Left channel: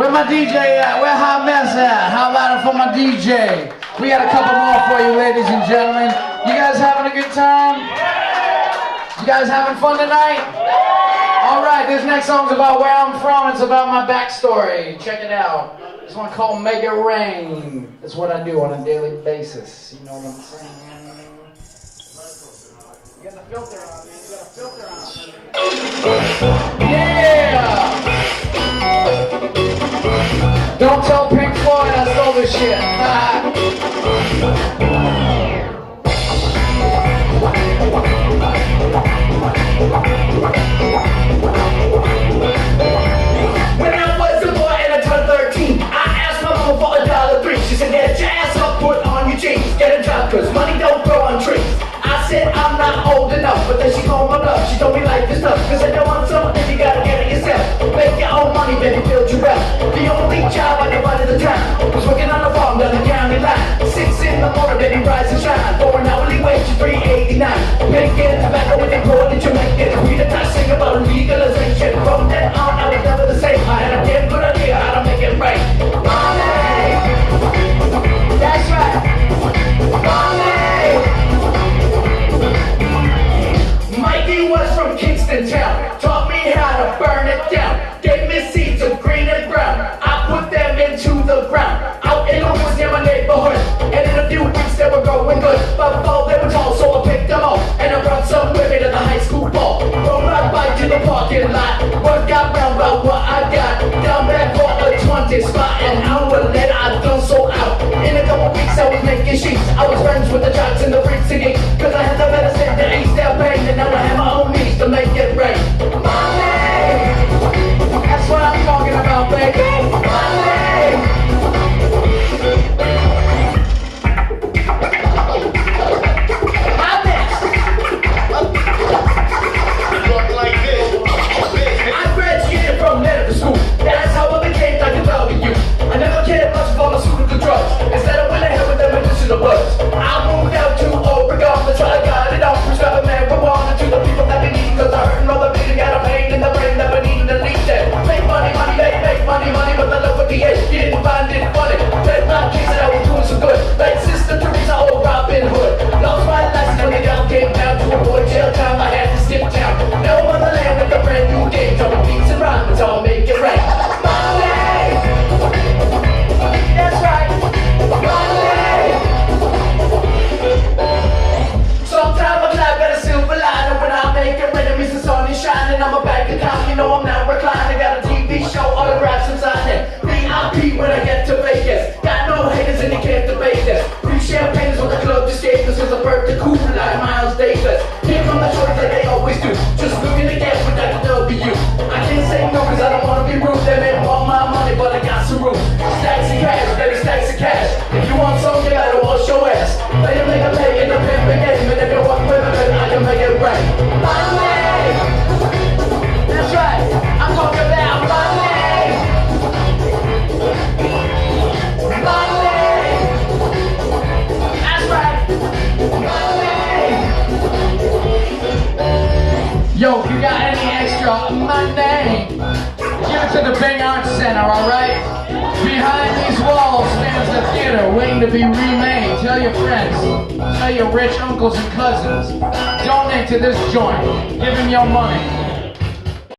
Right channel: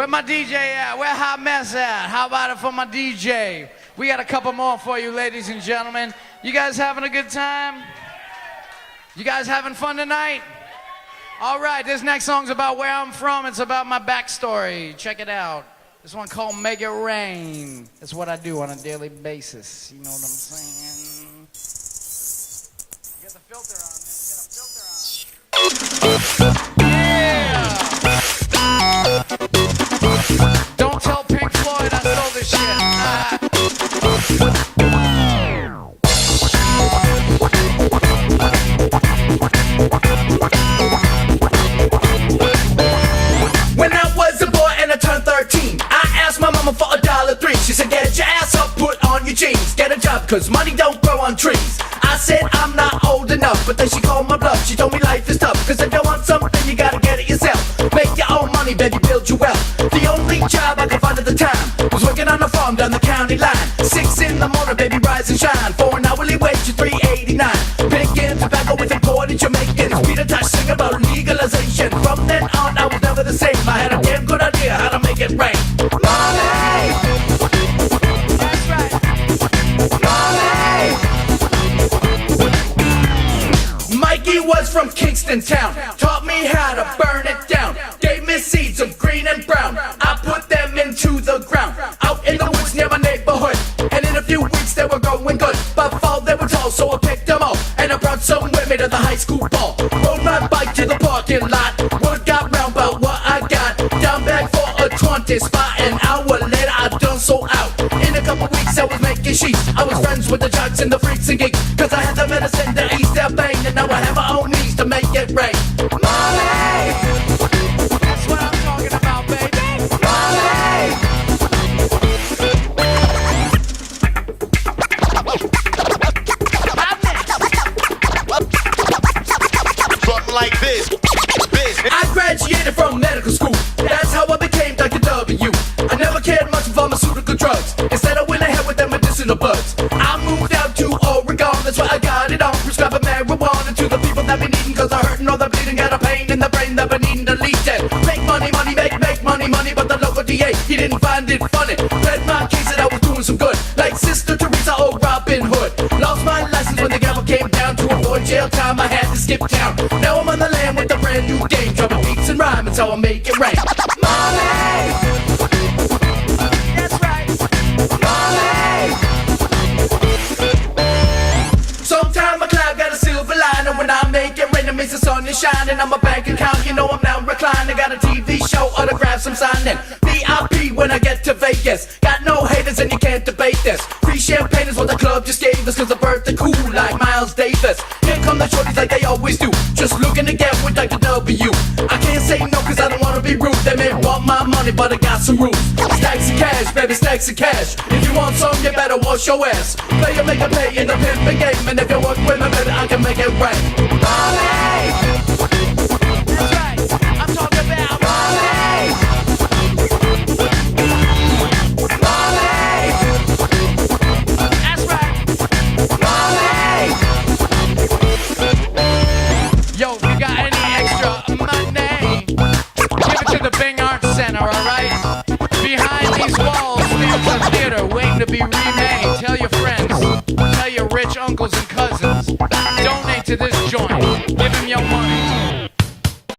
Where my DJ at? Where Hot Mess at? How about it for my DJ? We got a couple more for you, ladies and gentlemen. You guys having a good time? You guys having fun tonight? All right, this next song's about where I'm from. It's about my backstory. Check it out. This one called Make It Rain. It's what I do on a daily basis. You know what I'm saying? You got the filter on. You got a filter on. Yeah! Don't tell Pink Floyd I stole this shit. When I was a boy and I turned 13, I asked my mama for $1.03. She said, get your ass up, put on your jeans, get a job, cause money don't grow on trees. I said, I'm not old enough, but then she called my bluff. She told me life is tough, cause I don't want something, you gotta get it yourself. Make your own money, baby, build your wealth. The only job I could find at the time was working on a farm down the county line. 6 in the morning, baby, rise and shine. For an hourly wage of $3.89. Making tobacco with imported Jamaican. We the touch sing about legalization. From then on, I was never the same. I had a damn good idea how to make it right. Money! That's right. Money! Mikey was from Kingston Town. Taught me how to burn it down. Gave me seeds of green and brown. I put them into the ground. Out in the woods near my neighborhood. And in a few weeks they were going good. By fall they were tall, so I picked them up. And I brought some women to the high school ball. Rode my bike to the parking lot. Work out round about what I got. Down back for a 20 spot. An hour later I done sold out. In a couple weeks I was making sheets. I was friends with the jocks and the freaks and geeks. Cause I had the medicine to ease their pain. And now I have my own needs to make it rain. Money! That's what I'm talking about, baby. Money! Like this. I graduated from medical school. That's how I became Dr. W. I never cared much for pharmaceutical drugs. Instead I went ahead with the medicinal buds. I moved out to Oregon. That's where I got it on. Prescribing marijuana to the people that be needing. Cause I hurt and all the bleeding. Got a pain in the brain that be needing to lead that. Make money, money, make money, money. But the local DA, he didn't find it funny. Played my case and I was doing so good. Like Sister Teresa or Robin Hood. Lost my license when the girl came down to avoid jail time. I had to skip town. Now I'm on the land with a brand new day. Dropping beats and rhymes until I make it rain. Money! That's right. Money! Sometimes my cloud got a silver lining. When I make it rain, it means the sun is shining on my bank account. You know I'm now reclining. Got a TV show, autographs I'm signing. VIP when I get to Vegas. Got no haters and you can't debate this. Free champagne is what the club just gave us. Cause I birthed the cool like Miles Davis. Here come the shorties like they always do. Just looking to get with Dr. W. I can't say no cause I don't wanna be rude. They may want my money but I got some rules. Stacks of cash, baby, stacks of cash. If you want some you better wash your ass. Play it, make it pay in the pimpin' game. And if you work with me better I can make it right. Money! That's right, I'm talking about money! Money! That's right, money! Yo, if you got any extra money, give it to the Bing Arts Center, alright? Behind these walls stands a theater waiting to be remade. Tell your friends, tell your rich uncles and cousins, donate to this joint. Give them your money.